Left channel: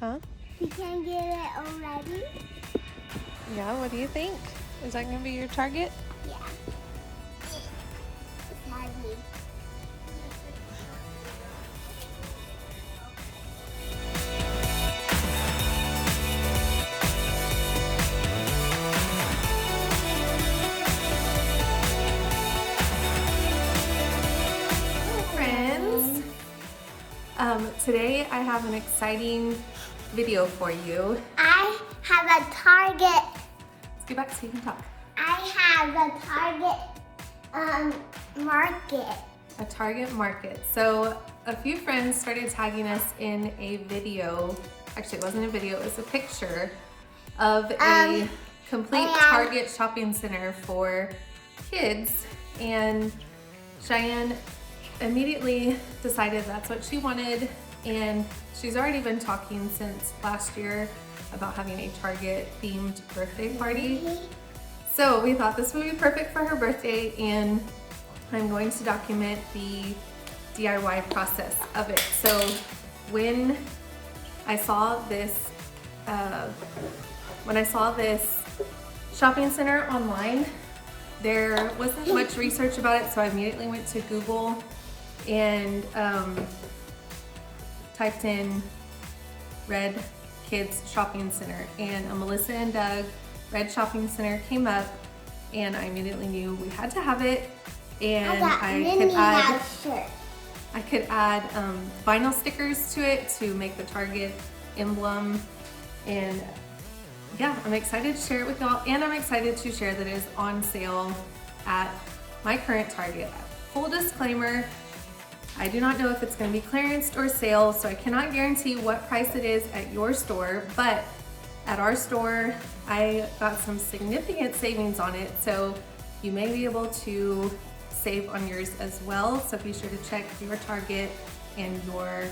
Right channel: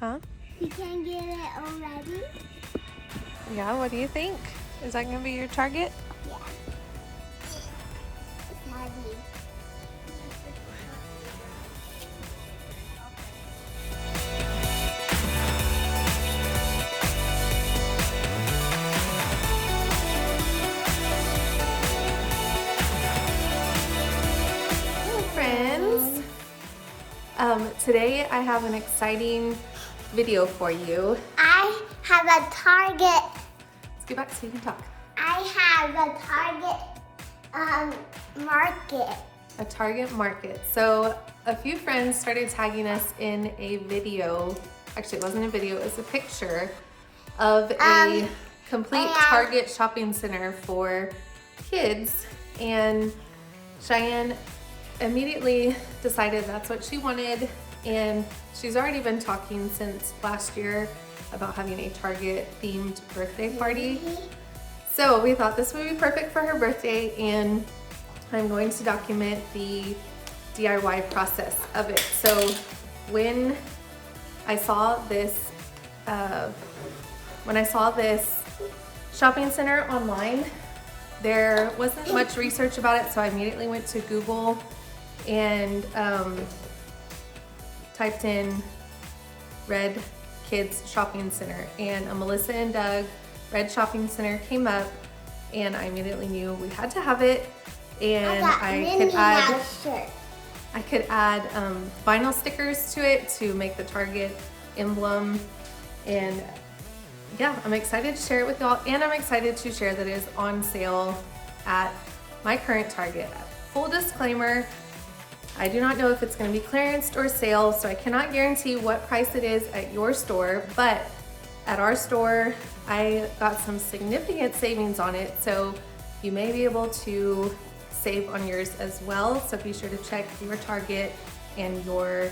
Huh? You can get it already? Yeah, what do you think? Is that gonna be your target? Yeah. It's heavy. Friends, today I have an exciting video for you. I have a target. Let's get back so you can talk. I have a target market. A target market. So a few friends started tagging us in a video. Actually, it wasn't a video, it was a picture of a complete Target shopping center for kids. And Cheyenne immediately decided that's what she wanted, and she's already been talking since last year about having a Target themed birthday party. So we thought this would be perfect for her birthday, and I'm going to document the DIY process of it. So when I saw this shopping center online, there wasn't much research about it, so I immediately went to Google and typed in Red Kids Shopping Center, and a Melissa and Doug Red Shopping Center came up, and I immediately knew we had to have it. And I could add vinyl stickers to it to make the Target emblem, and yeah, I'm excited to share it with y'all, and I'm excited to share that it is on sale at my current Target. Full disclaimer, I do not know if it's going to be clearance or sale, so I cannot guarantee what price it is at your store, but at our store, I got some significant savings on it, so you may be able to save on yours as well. So be sure to check your Target and your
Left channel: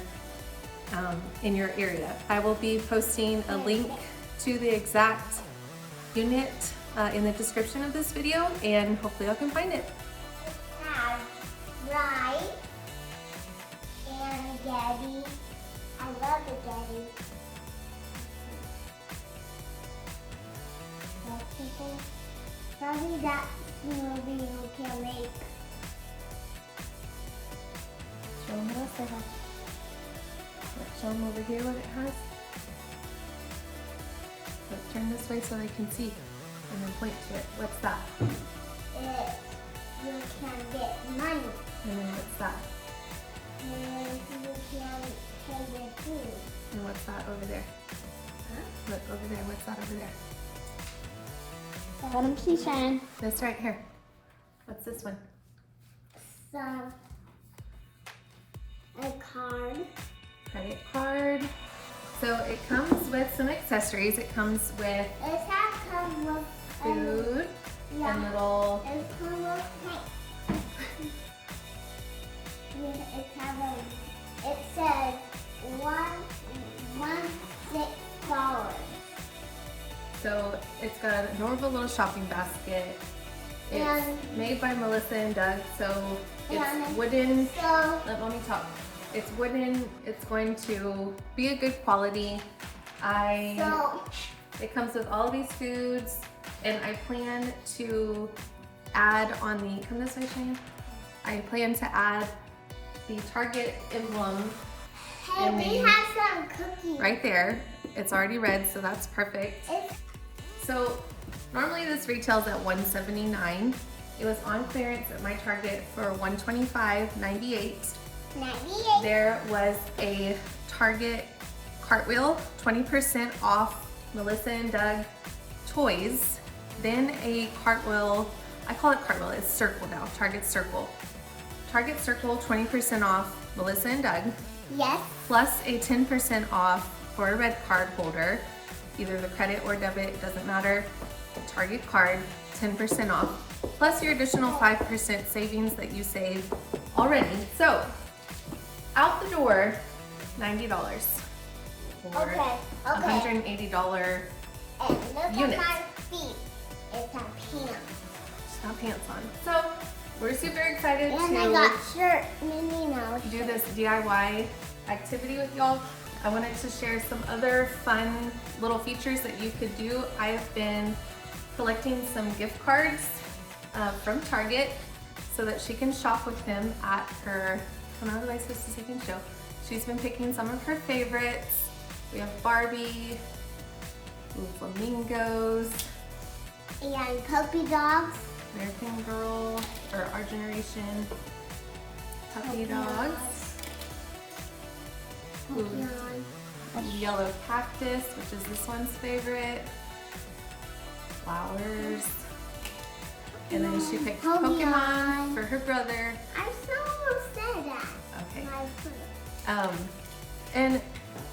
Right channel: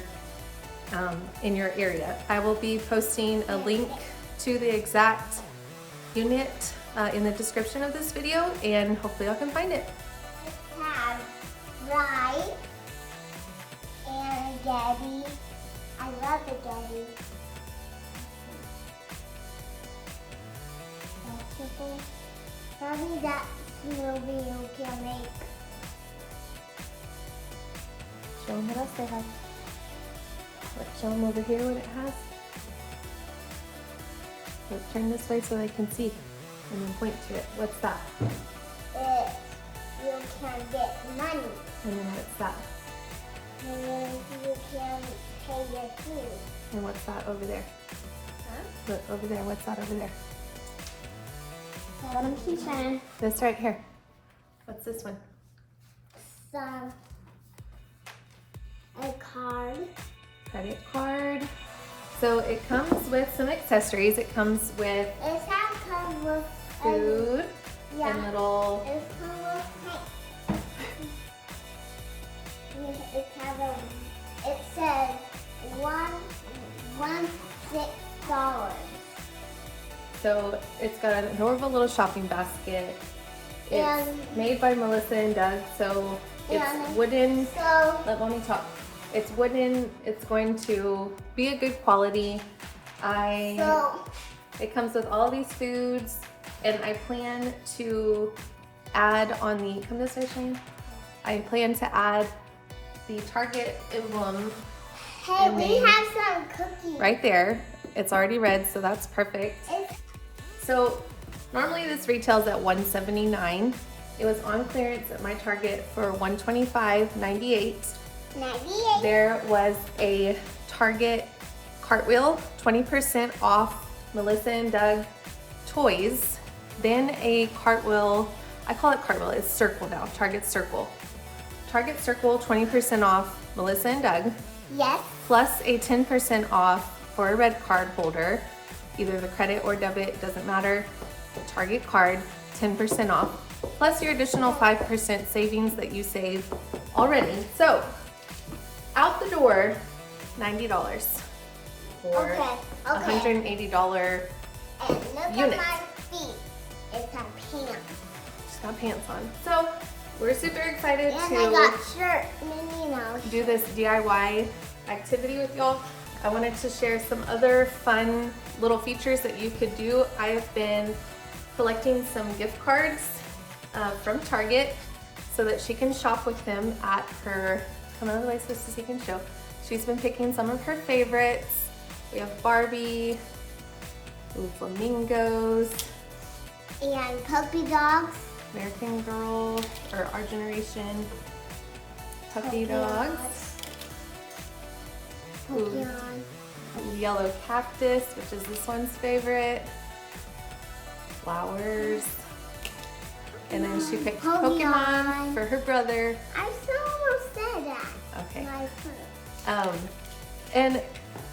in your area. I will be posting a link to the exact unit in the description of this video, and hopefully y'all can find it. It has rice and Daddy. I love the Daddy. Vegetables. Probably that smoothie you can make. Show them what else they have. Let's show them over here what it has. Let's turn this way so I can see and then point to it. What's that? You can get money. And then what's that? And then you can pay your food. And what's that over there? Huh? Look, over there. What's that over there? Kitchen. This right here. What's this one? A card. Credit card. So it comes with some accessories. It comes with It has come with food yeah. and little. It comes with it says $16. So it's got an adorable little shopping basket. It's And- made by Melissa and Doug. So it's And wooden. So Let me talk. It's wooden. It's going to be a good quality. It comes with all these foods, and I plan to add on the, come this way, Shane. I plan to add the Target emblem. hey, And we then- have some cookies. Right there. It's already red, so that's perfect. So normally this retails at $179. It was on clearance at my Target for $125.98. 98. There was a Target cartwheel, 20% off Melissa and Doug toys. Then a cartwheel, I call it cartwheel, it's circle now, Target circle. Target circle, 20% off Melissa and Doug, Yes. plus a 10% off for a red card holder, either the credit or debit, it doesn't matter. The Target card, 10% off, plus your additional 5% savings that you saved already. So, out the door, $90 for Okay. $180 And look unit. at my feet. It's a pants. Just got pants on. So, we're super excited And to I got shirt, Minnie Mouse. do this DIY activity with y'all. I wanted to share some other fun little features that you could do. I have been collecting some gift cards from Target so that she can shop with him at her, I don't know what am I supposed to say and show. She's been picking some of her favorites. We have Barbie, and flamingos, And puppy dogs. American Girl, or Our Generation, puppy dogs. Puppy Ooh. dogs. Yellow cactus, which is this one's favorite. Flowers. And then she picked Pokemon for her brother. I so said that. Okay. My foot. And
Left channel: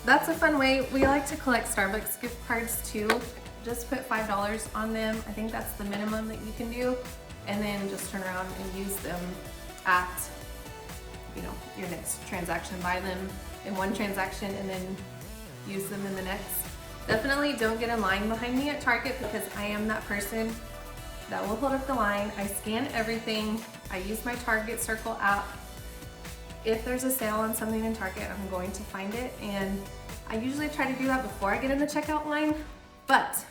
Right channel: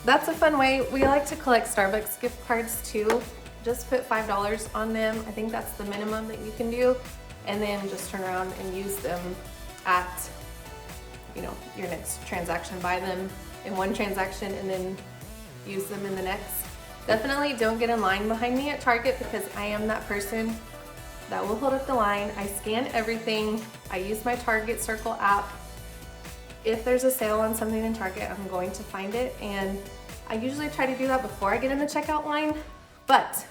that's a fun way. We like to collect Starbucks gift cards too. Just put $5 on them. I think that's the minimum that you can do. And then just turn around and use them at, you know, your next transaction. Buy them in one transaction and then use them in the next. Definitely don't get in line behind me at Target because I am that person that will hold up the line. I scan everything. I use my Target Circle app. If there's a sale on something in Target, I'm going to find it. And I usually try to do that before I get in the checkout line. But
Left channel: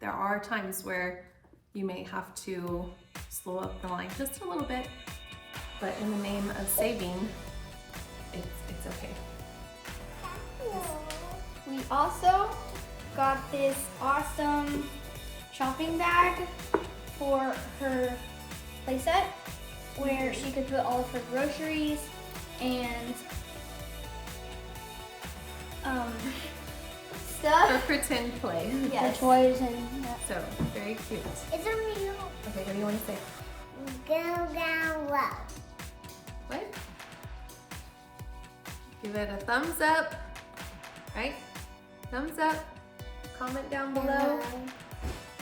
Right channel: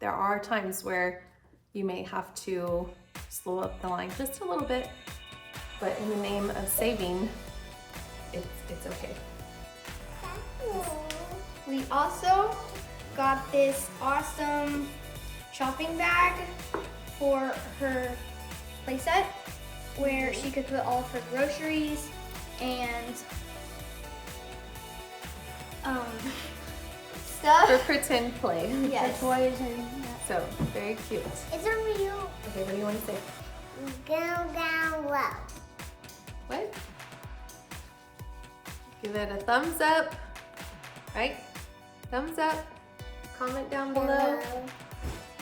there are times where you may have to slow up the line just a little bit. But in the name of saving, it's okay. We also got this awesome shopping bag for her playset where she could put all of her groceries and For stuff. pretend play. Yes. Toys and So, very cute. It's a real Okay, what do you want to say? go down low. What? Give it a thumbs up, right? Thumbs up, comment down below,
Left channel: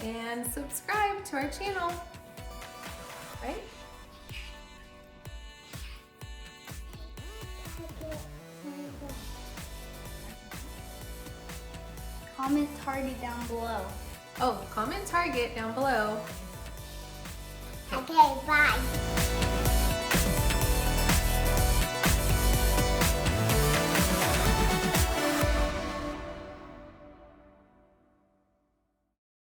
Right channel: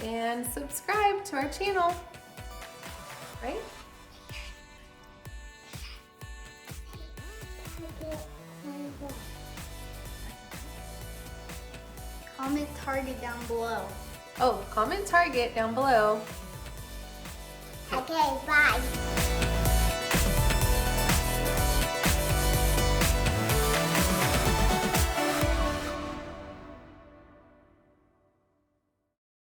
and subscribe to our channel, right? comment Target down below. Oh, comment Target down below. Okay, bye.